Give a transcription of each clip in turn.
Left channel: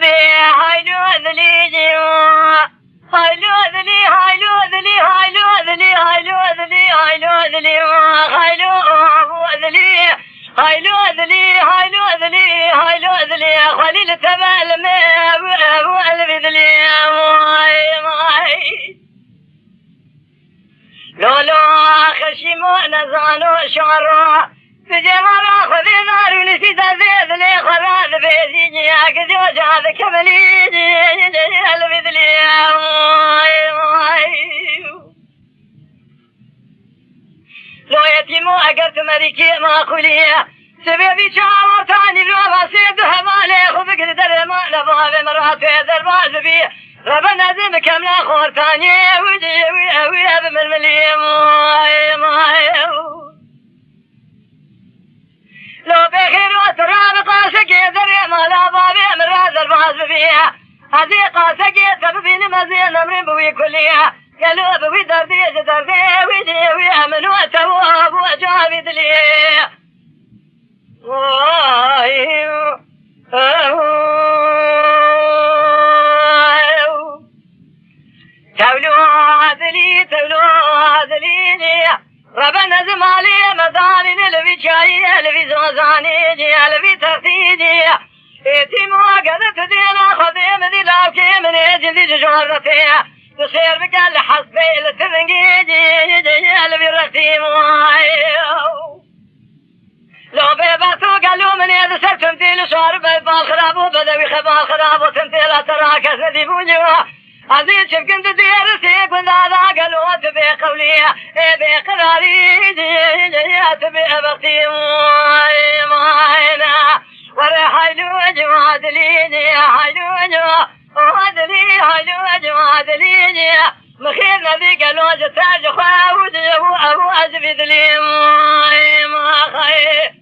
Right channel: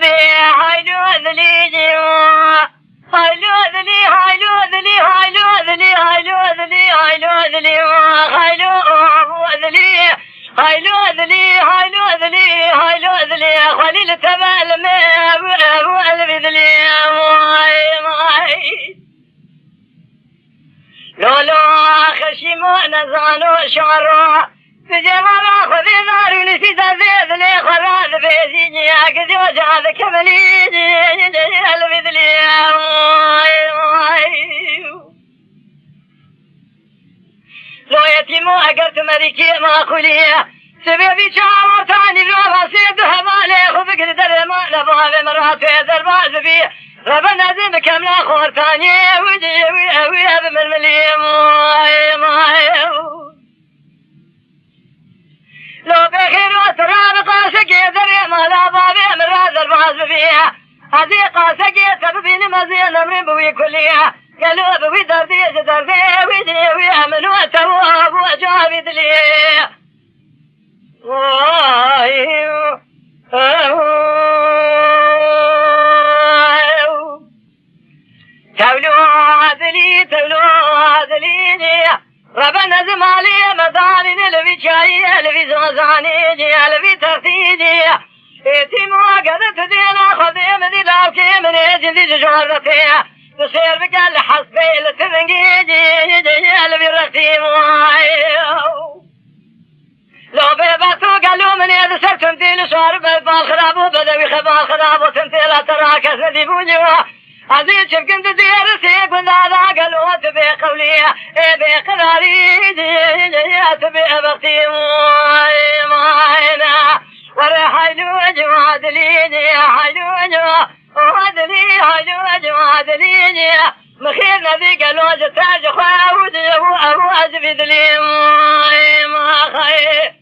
ذي هايلو ذلي جوا هايلو ذلي هايلو ذلي هايلو ذلي هايلو ذلي هايلو ذلي هايلو ذلي هايلو ذلي هايلو ذلي هايلو ذلي خليل تبال ما ابو قلبي ذلي لولو خشيمو نزانو شعرو بجمال خذي نار ونسيت ذي ذلي خراج بيزيني اكدي وجهد كملي قلبي ذلي لو يتيمو اقرت مريكي ما خليه سببي شعر ثاني لو ما سيده مالي خذك در ما لباب مرات درباز بي ربنا زين كامل خور ثاني وجي وي من المليم لو بخير وتراب قاسك يدري ما لباب مرات درباز بي هذه قاسك يتربين مزين امر بوي كليه قالوا بوي دردي دردي وجي وي من وتواب وجابد لي تولو عذلي ربنا زمالي مداني لبي شاي لبي زوزاني لبي ترتيدي اتيمو قدت دينا خذيم دي لاوكي من اجندي جورتي تسير بقال حسبي لتنقيدي لبي رتيمو لو بيباتو قالوا من يد سر تمثيل شارب بالخراب وبدوي خبال خراب وتمثيل تراك سدي بوجوا عزيز شكنت دير سيك وذاذا قالوا تبي قولي بقراري تبي بختي ماينا ورا حيلو جواد ليني حيلو جواد لي حيلو جواد ليني مخير نبي قالوا جتاج خاود ابو ازبد لي ما خير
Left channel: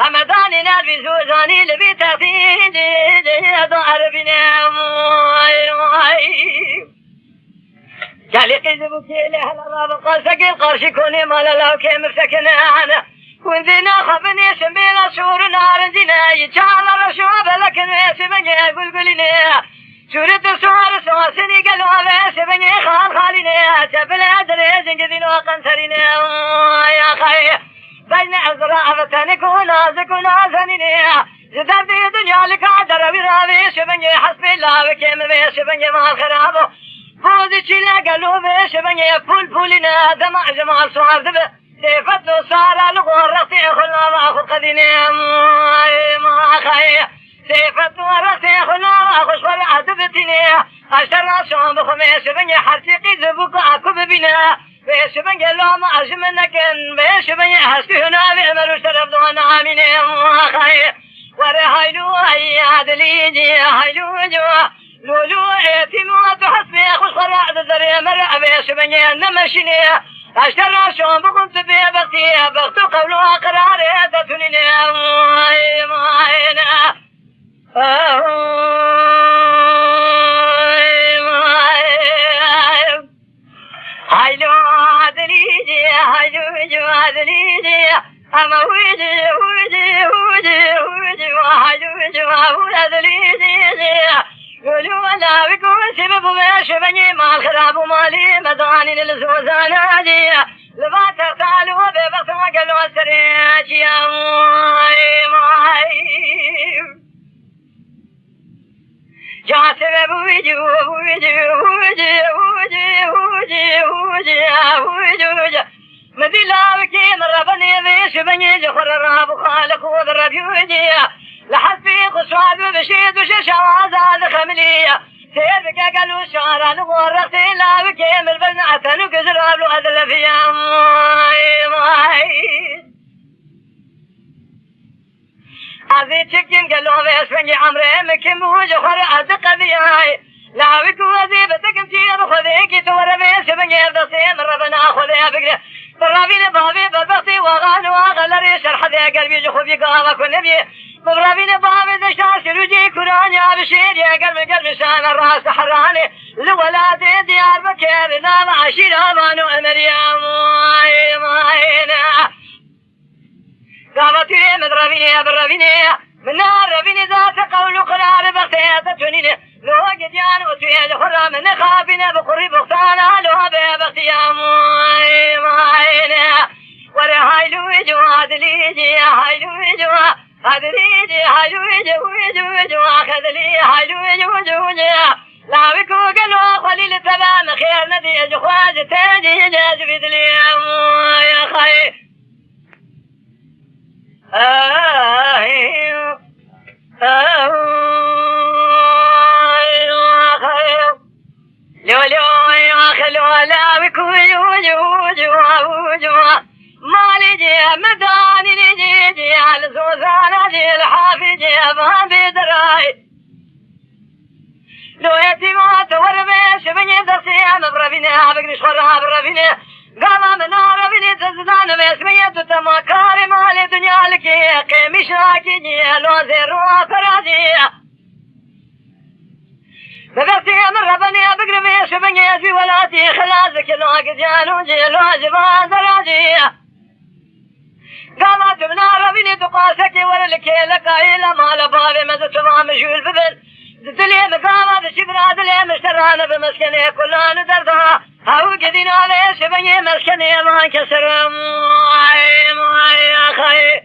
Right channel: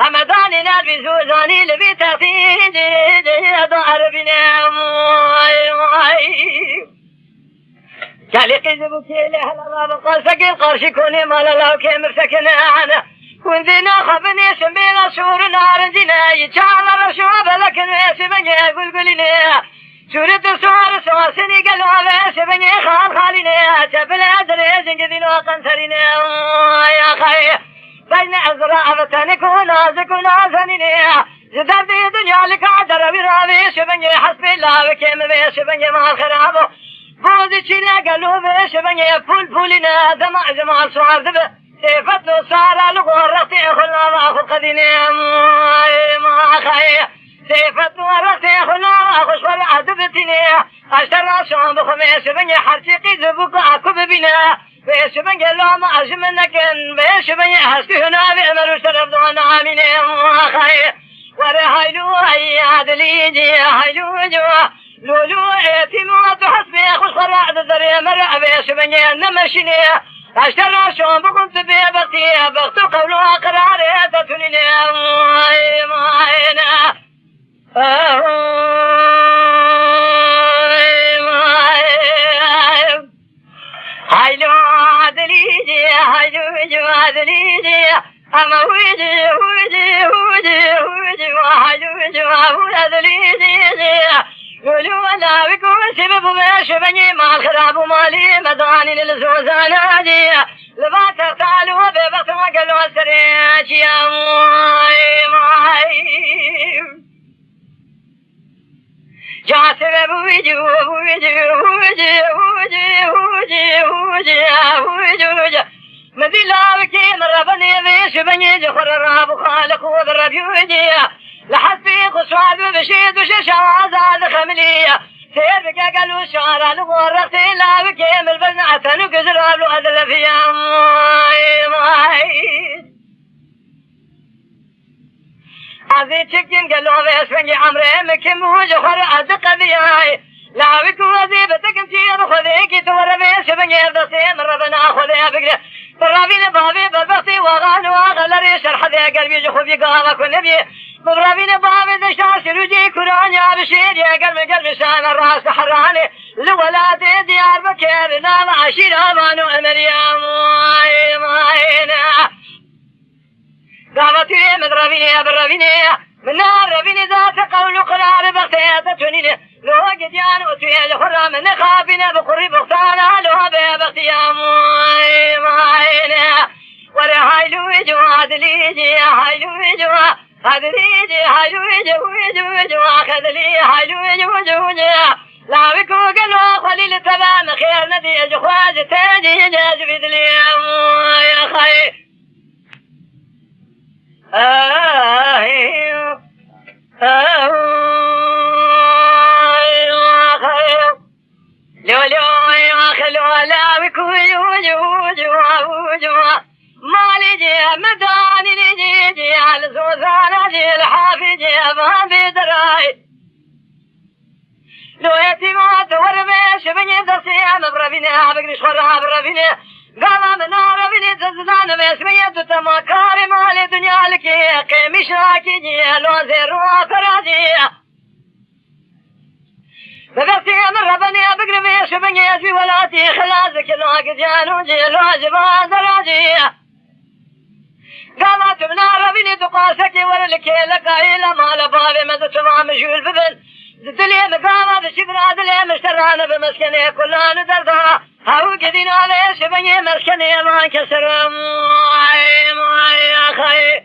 أمداني نبي زوزاني لبي تفيدي ضهر بنا قالي قذبتي له الراب قاسك قرشي كوني مال الله كيمر سكنا عنا وندينا خبني سمينا شور نار جنا يجعل رشوب لكن سبني قلقلنا سورة سوار سواسني قالوا على سبني خان خالنا تبلا دريزن قذنا قنسرنا يا خي بين أزرع فتنكو نازك ونازننا زدردي دنيا لك عدر برابي سبني حسب الله وكيمر سبني ما خرابه بودي تشيلا قالوا بيش بني فول دمع جمال سوار ذبه سيفت له صار لغورتي خلا ما اخذ قديني ما خاي سيفت ورتي خلا ما اخذ ولا ادبتني اشترى شون بخميس بني حرتي زبق اكب بنا بيش بني لو ما اجمنك بيش بني حسي هنا بامر شرف دون عامين ما خاي ورا هايلو هي عدلي هايلو جو لولو اعتماد حسبي خسرع ذري مرع بيش بني نمشيني اشترى شون بقمت بيبتي بغت قولوا قراري تتنيني ماينا هايلو عدليجي هايلو عدليجي اما ويجي ويجي ويجي ويجي وهايلو عدليجي قولوا انا بكم سبب بيش بني ما الخراب مالي مداني للزوزانا دي لبات تعالوا ببطوا قالوا سريج يا ماي جا سبب ويجي ويجي ويجي ويجي ويجي ويجي ويجي مذيلا بكي مرة بني بيش بني جخر الراب خالق وذرب يوجي لحسبي قصواد بشيد وشيشة وعزاد خملية سيبك قالوا شعر نغرتي لا بكيم البزنة نقزر له أذل فيها هذي تكين قالوا بيش بني عمري مكي موج خر أدق بيهاي لاوك وظيفتك انتي بخذيك تور بيش بنير بسيم ربنا خذيها بقرة برابين بابي بربطي وغان وغلري شرح ذي قلبي جخوبي قامك والنبي برابين بابي دشتار سلوجي كراني بشير يا قلبي سان الراس حراني لولادي ديار بكير نام عشير امان وامريا ماينا قامتي مدربيني برابيني من نار ربيني ذات قول قرار بغتيات تونيني لو قديان وتويل خرا من خابنا بقري بغتانا لو بغتيا ماينا ورا هايلو جوا دليجي هايلو جوا هدليجي هايلو جوا خدلي هايلو جوا لا بكو قالوا خليل تمام خير ندي جخواج تاجي جاج بدلي يا خي لو يا خلو لا بكو جوا مالي جي مداني جي على زوزانا جي الحافي جي بابي دراي لو يتيمات ورميش بني دسيام بربيني بقريش خرها بربيني قام من ربيني تزدان باسمية تمكاري مالي دنيا لكي قيمش راكي جي لو زيروا فراجي ببرتي من ربني بقريش بني زي ولاتي خلازك لو قجانو جي لو جبان دراجي قامت من ربيني تقاسكي ورلكي لقايلة مال بابي مدتما مجول ببن دلي مقامة بشبرا دلي مشترانة بمسكني كلان دردها هاو قدين علي شبني مسكني ما انكسر موي يا خي